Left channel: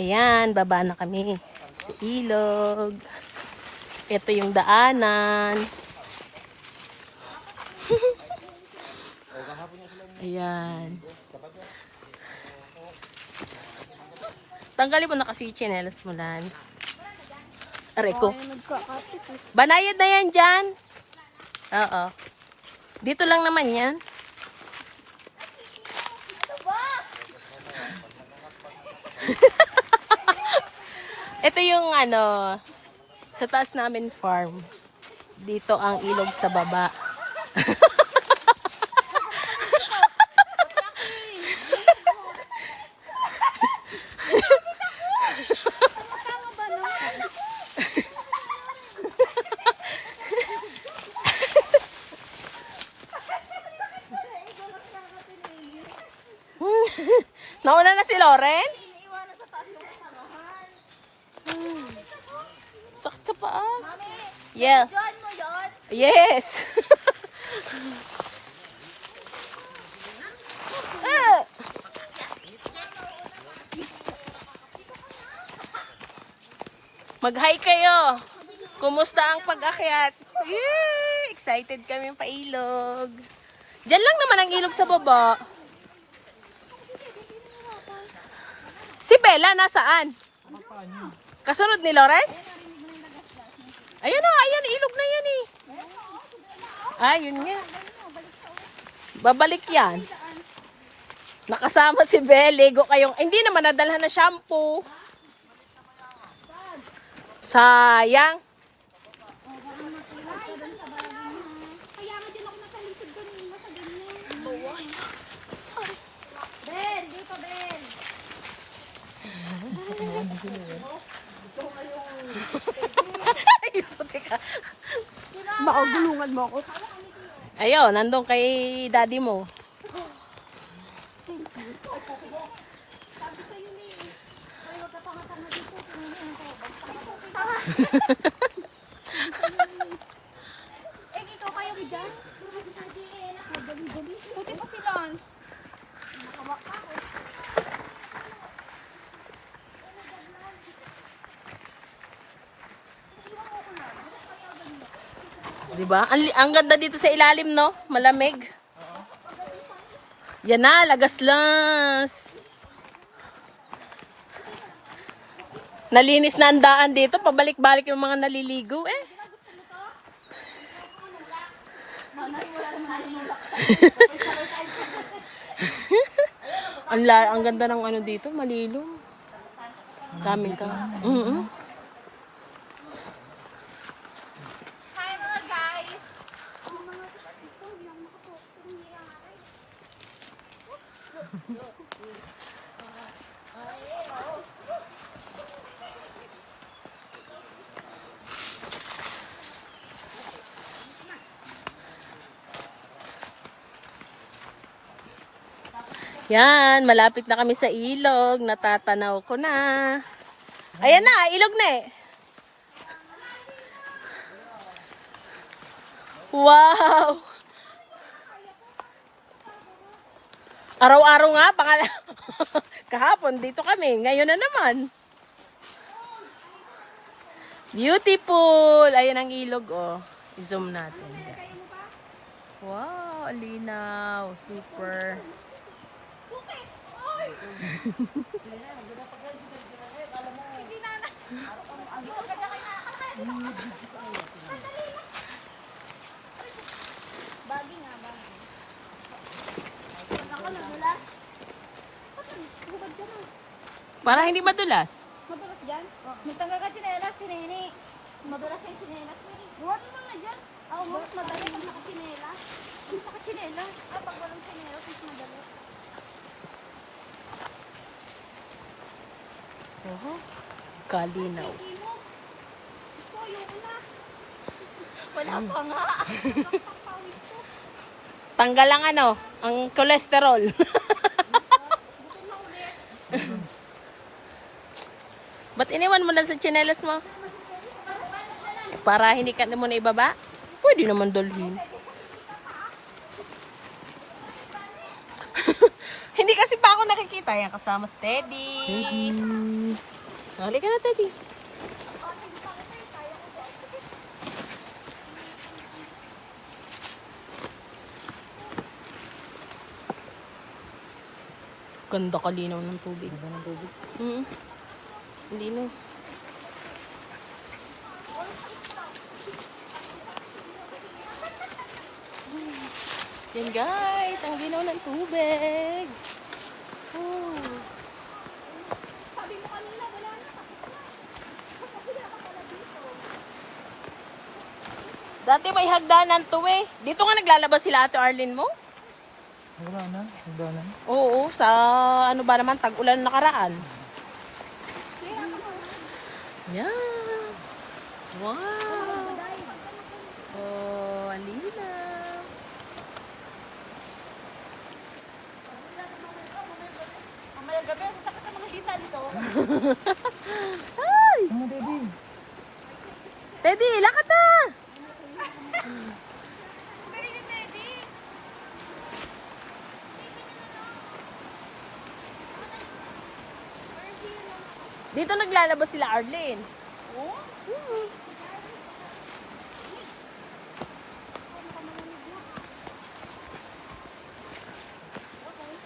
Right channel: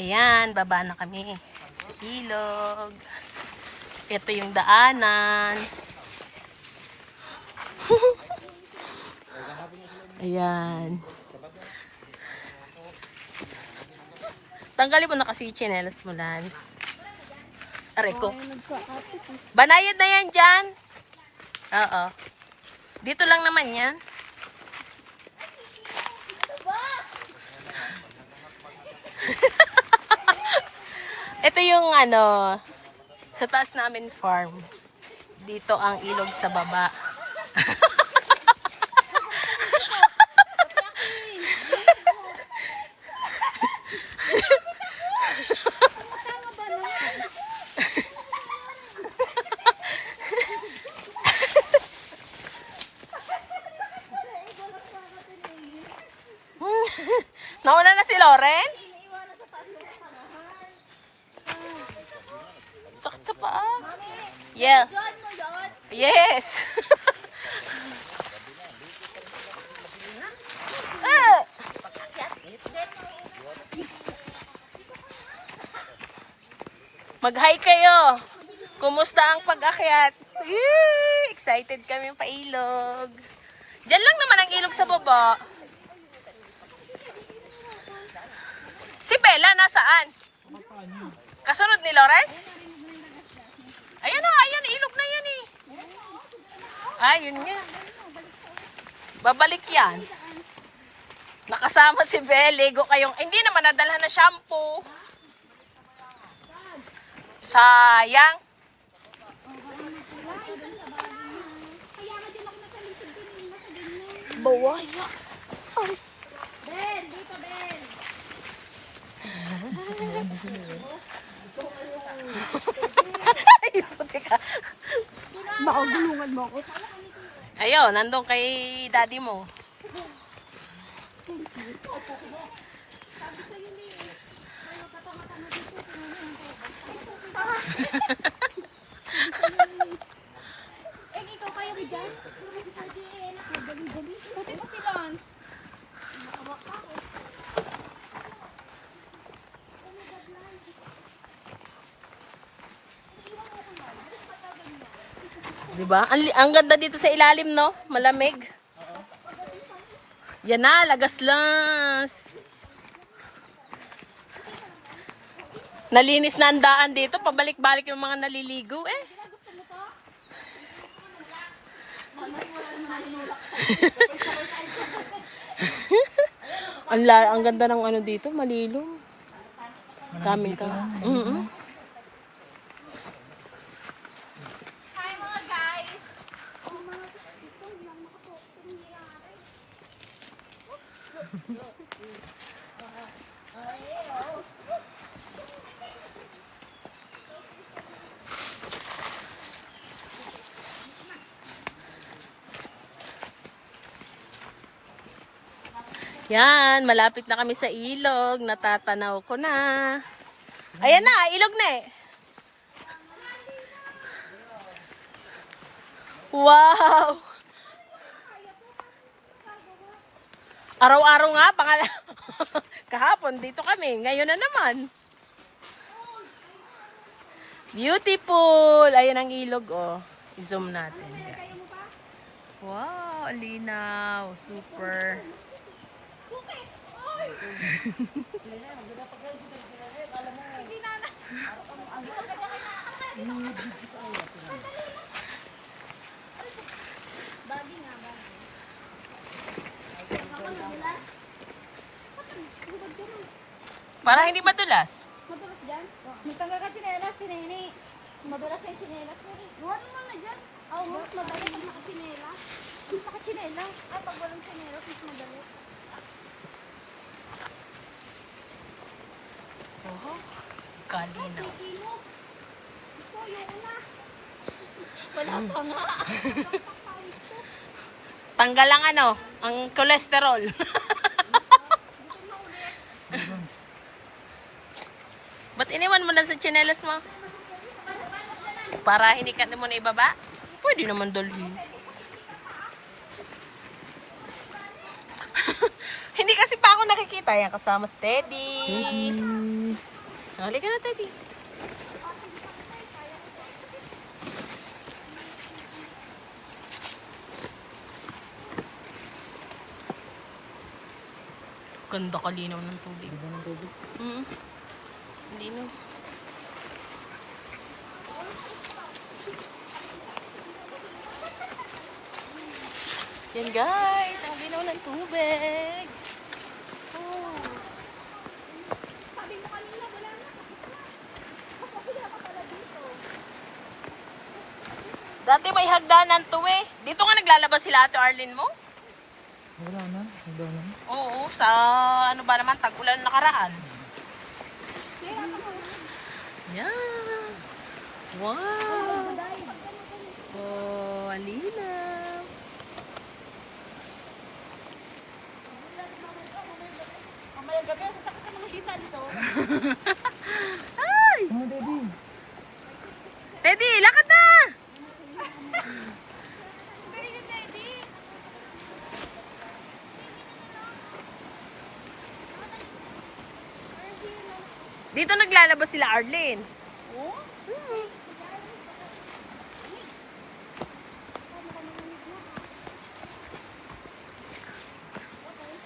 Ayan, baba na kami sa ilog. Ito yung daanan. Ayan. Tanggalin mo na kasi yung tsinelas mo, Lance. Aray ko. Banayad na yan dyan. Oo. Dito lang naman yan. Ito yung sa taas namin farm. Dito ang ilog sa baba. Nauna na si Lawrence? Sakit sa paa. Yeah. Yes. Mag-hi kayo. Kumusta ang pag-akyat? Yay! Excited kami pa ilog. Diyan lang naman ang ilog sa baba. Si Bella nasaan? Kasunod ni Lawrence? Ayan na, ayan, ilog na yan eh. Ayun nga. Babalik yan. Nakasama si Belle. Go kayong, hindi naman nadalhan na shampoo. Sayang. Bawa. Ben, dito Ben. Ay, puti ka. Makagulungan mo ako. Ayun, nandun kay daddy mo. Eh, ikaw kayo dyan? Puti pa si Lance. Diba? Ang ganda dito sa ilalim, no? Malamig. Yan na, lagas-las. Nalinis na ang daan dito. Pabalik-balik yung mga naliligo, eh. Ang ganda ng dito, malilong. Daming ka. Hi mga guys. Yan, malapit na kami sa ilog. Natatanaw ko na. Ayan na, ilog na eh. Wow! Araw-araw nga, kahapon dito kami. Ngayon na naman. Beautiful! Ayan ang ilog, oh. I-zoom natin. Wow, alinaw. Super. Bagi nga, bagi. Para hindi madulas. Madulas dyan? Magtanggal ka tsinelas, tinini. Madulas yung tsinelas. Wala na dyan. Oo, mas madali pag nakatsinelas. Kung nakatsinelas. Pag walang tsinelas, mas madali. Oh, kalina. Ito, yung na. Wala pa nga. Tanggal ang ang cholesterol. Ba't iniwan mo lang sa tsinelas mo? Para hindi ka mo na ibaba? Pwede naman dalhin. Hindi kasi pa ako nakikita Tayo kasama si Teddy. Halika na, Teddy. Ganda kalinaw ng tubig. Ganda ng tubig. Linaw. Yan guys, ang linaw ng tubig. Oh. Dati may hagdanan to eh. Dito nga naglalabas sila Ate Arlene mo? Wala na. Wala na. Oo, sa ano ba naman, tag-ulan nakaraan. Yan. Wow. Oh, alina. Mamaya gabi, sasakit sa mga hita dito. Ay! Ano, Teddy? Teddy, lakad na! Dito naglalabas sila Arlene. Oh?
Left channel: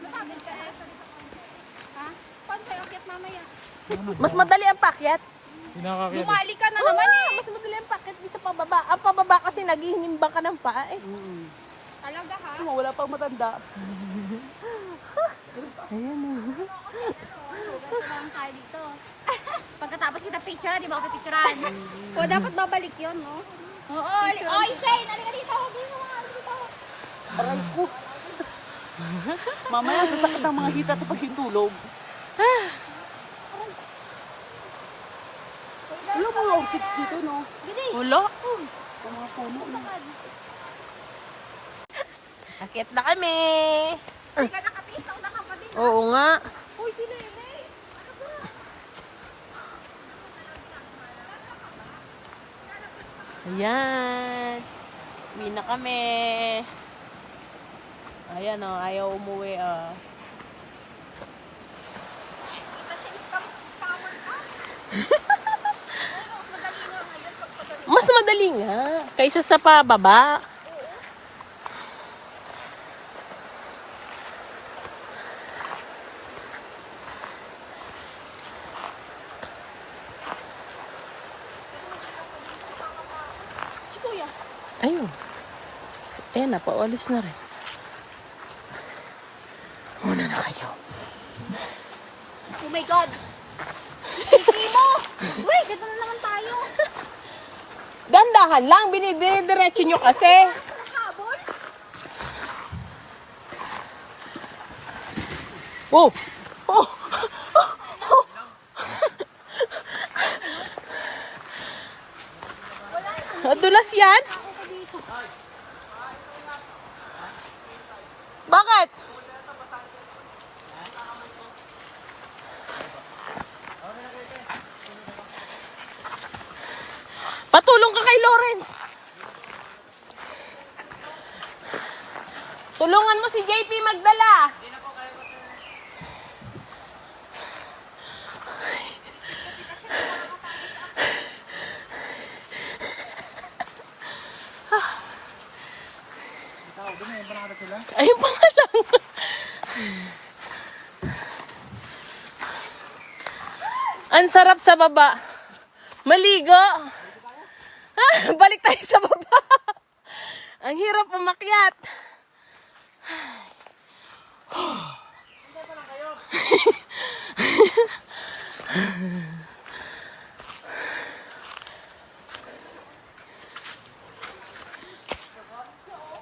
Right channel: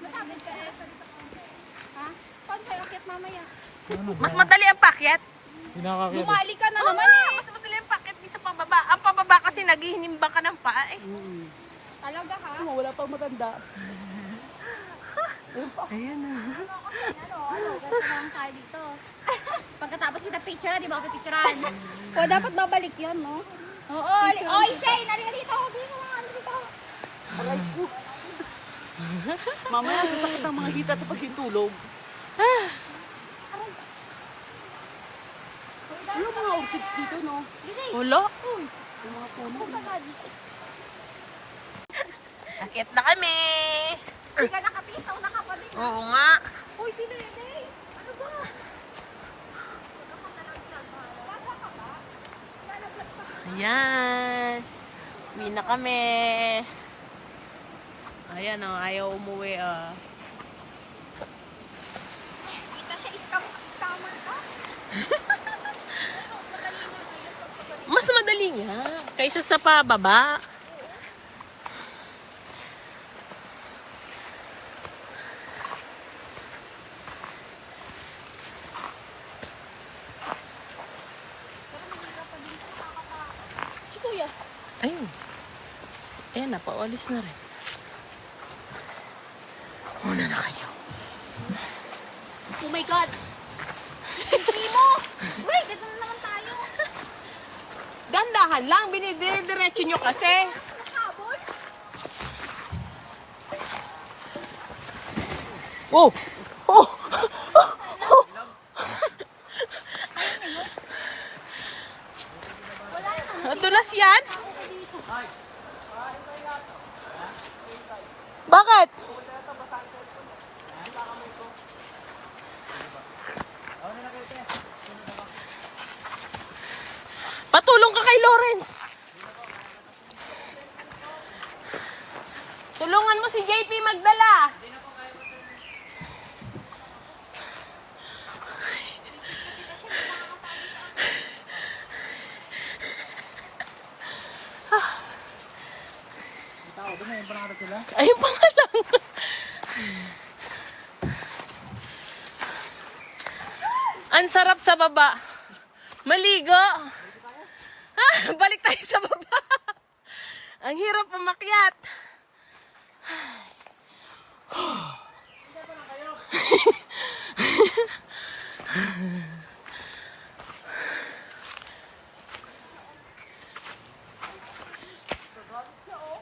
Napagod ka eh. Ha? Paano tayo akit mamaya? Mas madali ang pakyat. Pinakakita. Bumali ka na naman eh. Mas madali ang pakyat di sa pababa. Ang pababa kasi naghihinimbang ka ng paa eh. Talaga ha? Wala pang matanda. Ayan na. Ano tayo dito? Pagkatapos kita picture, di ba ako picturean? O, dapat babalik yun, no? Oo, oy, Shane, halika dito. Dito. Aray ko. Mamaya sasakit ang mga hita at pagkitulog. Ano mga orchids dito, no? Gidi. Ulo? Uy. Akit na kami. Hindi ka nakapitaw na kapatid. Oo nga. Uy, si Lene. Ano ba? Ayan. Uwi na kami. Ayan o, ayaw umuwi Kita siya scammer ka? Mas madali nga. Kaysa sa pababa. Si Kuya. Ayun. Ayan na, paualis na rin. Muna na kayo. Oh my God. Hindi mo. Wait, dito na naman tayo. Dandahan lang, binidire-diretso nyo kasi. Habol? Oh! Oh! Wala na. Dulas yan? Tao ka dito. Bakit? Patulong ka kay Lawrence. Tulungan mo si JP magdala. Tao, doon na yung pangarap sila. Ayun pa nga lang. Ang sarap sa baba. Maligo. Balik tayo sa baba. Ang hirap umakyat.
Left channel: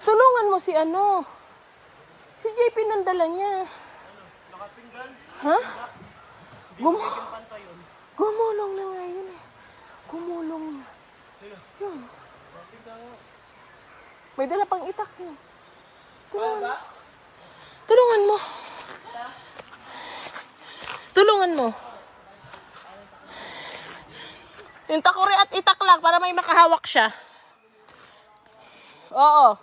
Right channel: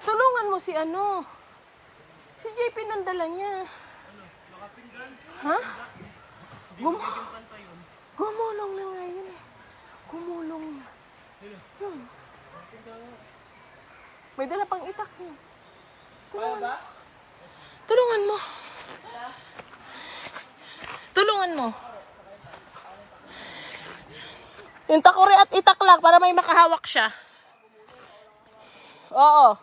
Tulungan mo si ano. Si JP nandala niya. Ha? Gumulong na nga yun eh. Gumulong na. Yun. May dala pang itak yun. Tulungan. Tulungan mo. Tulungan mo. Yung takuri at itak lang para may makahawak siya. Oo.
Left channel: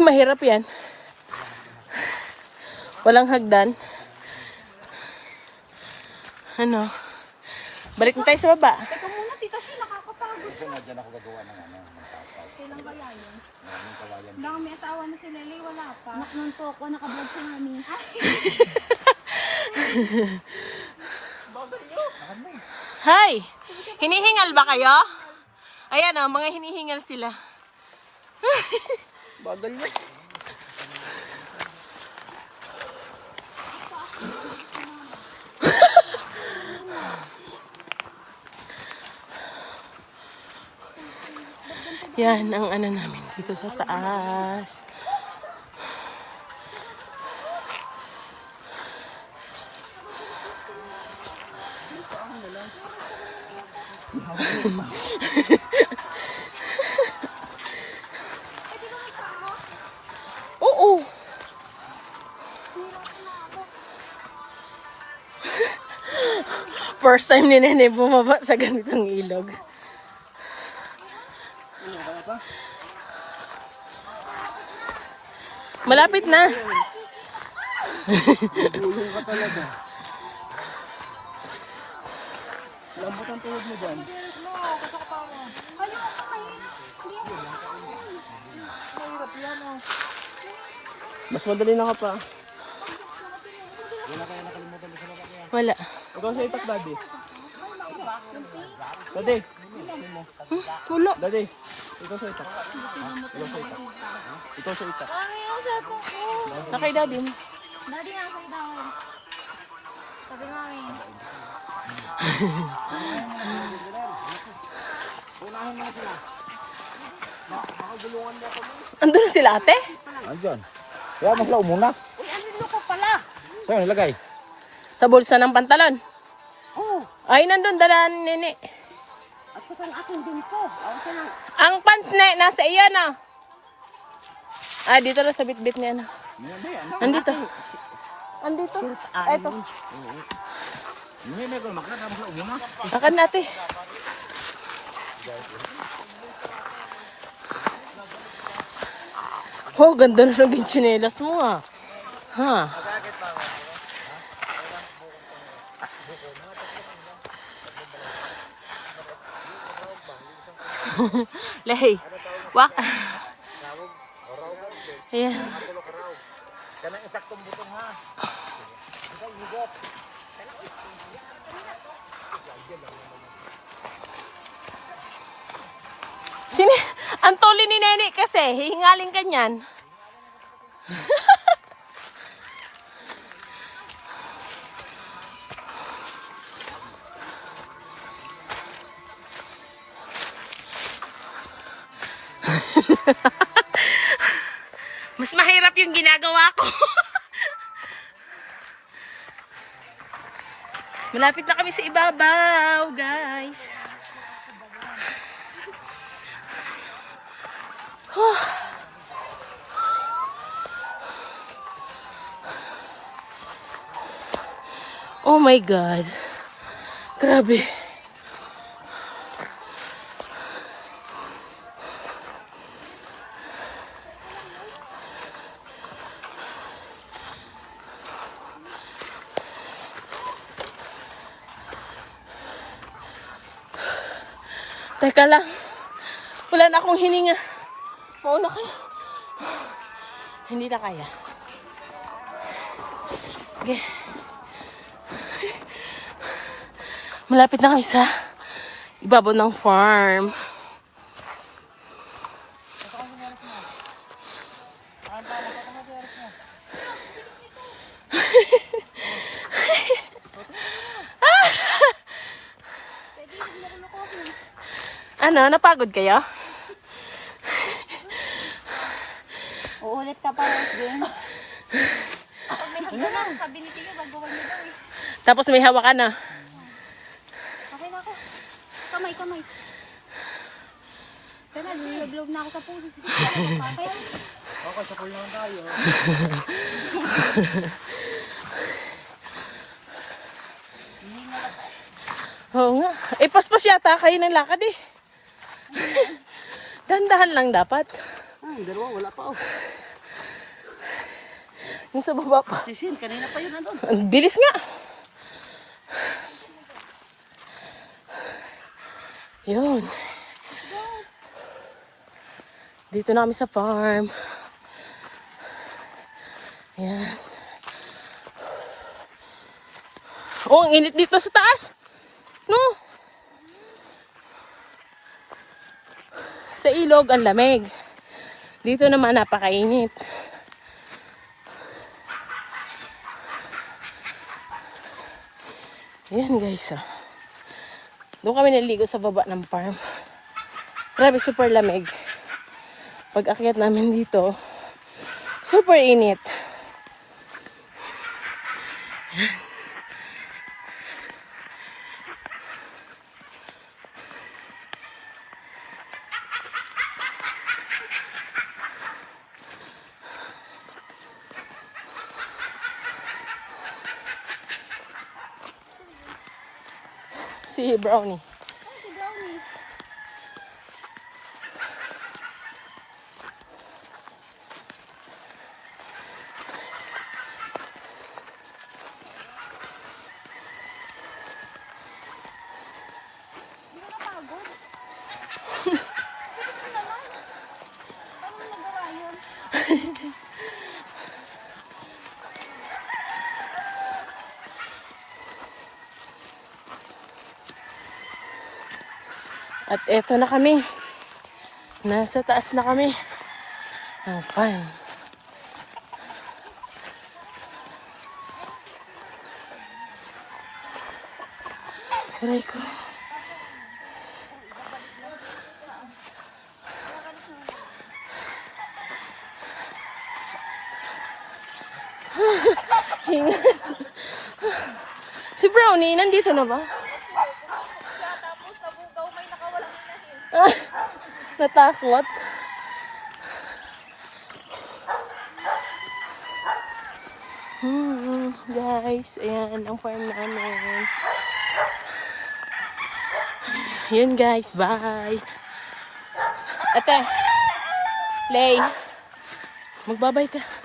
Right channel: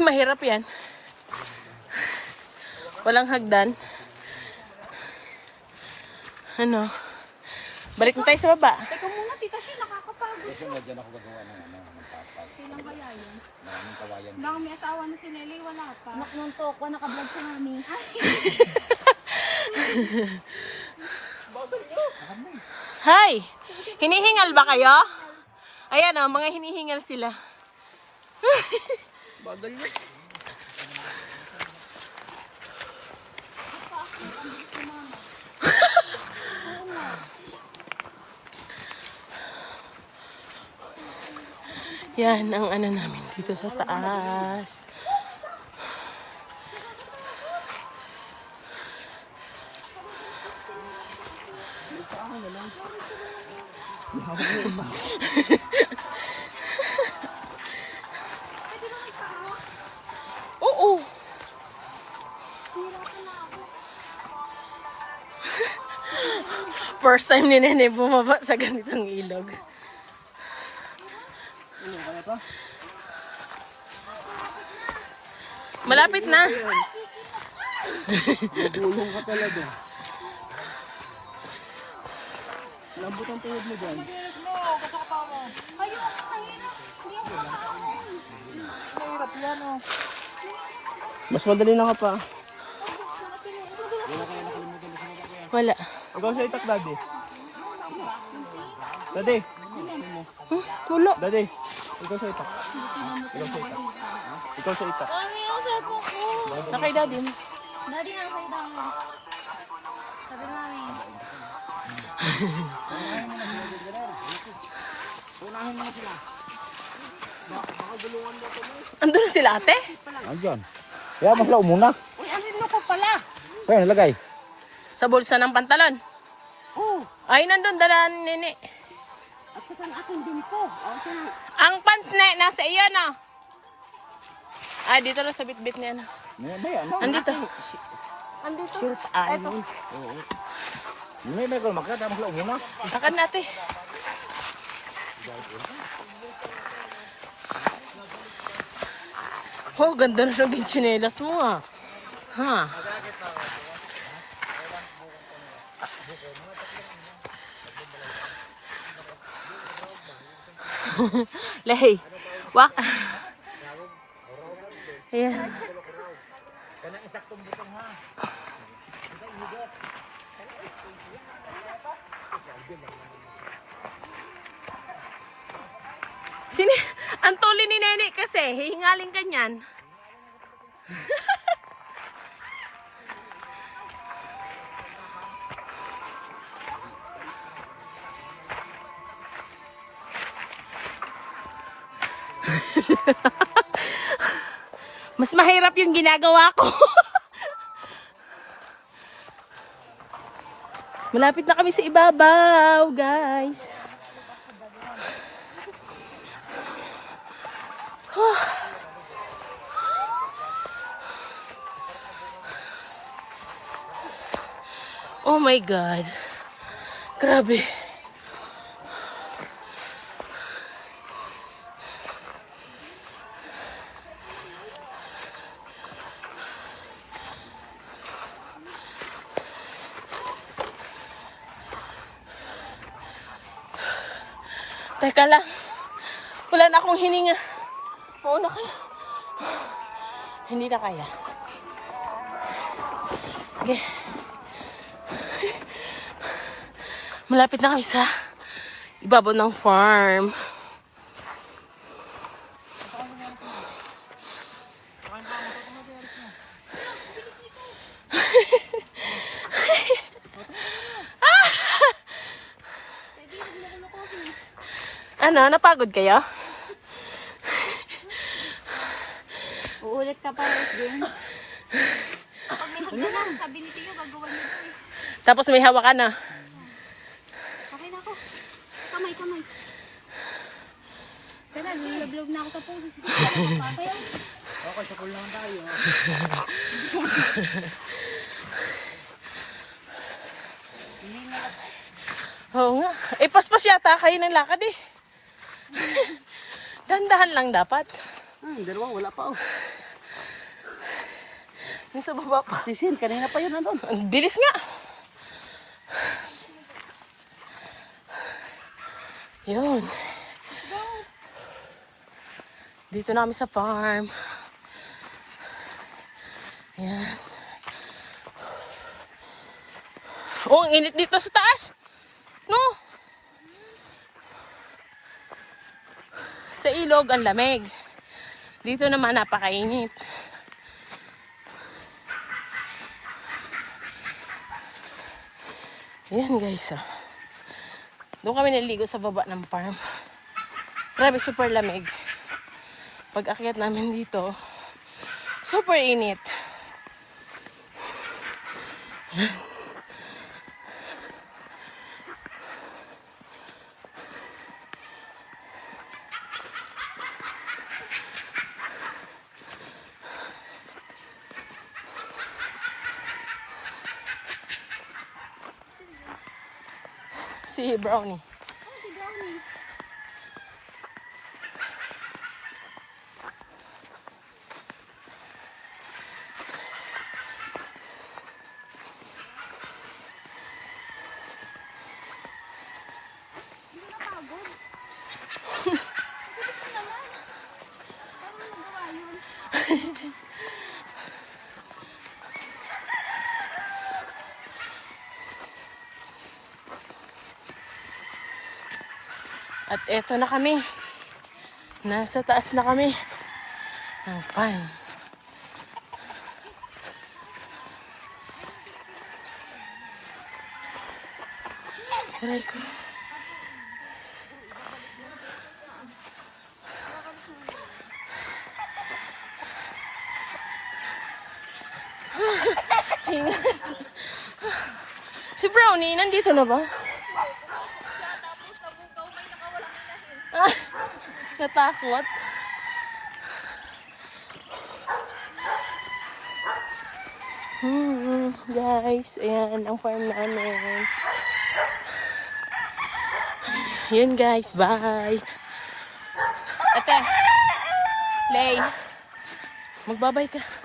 mahirap yan. Walang hagdan. Ano? Balik na tayo sa baba. Teka muna, tita Shi, nakakapagod siya. Kailan kaya yun? Wala kang may asawa na si Lele, wala pa. Nung toko, nakablog sa namin. Hi! Hinihingal ba kayo? Ayan o, mga hinihingal sila. Bagal niya. Yan ang ano namin dito sa taas. Oo. First time ni Nene bumaba sa ganitong ilog. Malapit na. Gulong ka talaga. Lambot ang tuhod mo dyan. Ayoko, mahirap. Hindi ako Mahirap yan oh. Mas madali na ka pa. Wala. Ikaw siya itak, daddy. Daddy. Wala. Daddy. Ikaw siya itak. Ikaw siya itak. Ano yung cellphone ko? Nakay daddy mo. Daddy, nasa daw. Sabi namin. Andun na sila ate? Andyan. Kaya mo sila umuna. Uy, ano ko pala? Saan nilagay? Sa bulsa ng pantalon. Oh, Ay, nandun, dalaan ni Nene. at saka ang akin din ko. Ako sa nang... Ang pants na nasa iyo na. Ah, dito na sa bitbit niya na. Andito. Andito. Eto. Hindi na ko makita mo sila umuna. Akan natin. Oh, ganda na naging tsinelas mo ah. Ha? Lehi. Wak. Ayan. Sini, ang tuli ni Nene kasi, hihingaling ka niyan. Mas mahirap yung ginagawa ko. Malapit na kami sa ibabaw, guys. Oh my God. Grabe. Teka lang. Wala na akong hininga. Mauna ka na. Hindi na kaya. Okay. Malapit na kami sa ibabaw ng farm. Ano, napagod kayo? Uulit ka pa, Rosgen. Pag may hagdan lang, sabi ni Tiyo, gagawa niyo daw eh. Tapos may hawakan na. Okay na ako. Kamay, kamay. Kaya nilulog na ako sa puso. Kaya, Okay, sa pool naman tayo. Oo nga. Eh, paspas yata kayo ng lakad eh. Dahan-dahan lang dapat. Dalawa, wala pa oh. Yung sa baba pa. Sisil, kanina pa yun nandun. Ang bilis nga. Yun. Dito na kami sa farm. Ayan. Oh, ang init dito sa taas. No. Sa ilog, ang lamig. Dito naman, napakainit. Ayan guys, ah. Doon kami naligo sa baba ng farm. Grabe, super lamig. Pag akyat namin dito, super init. Si Brownie. At eto na kami. Nasa taas na kami. Ang fun. Aray ko. Si Brownie, nandito na ba? Ay, natakot. Guys, ayan ang farm namin. Yun guys, bye. Ate, Lay, magbabay ka.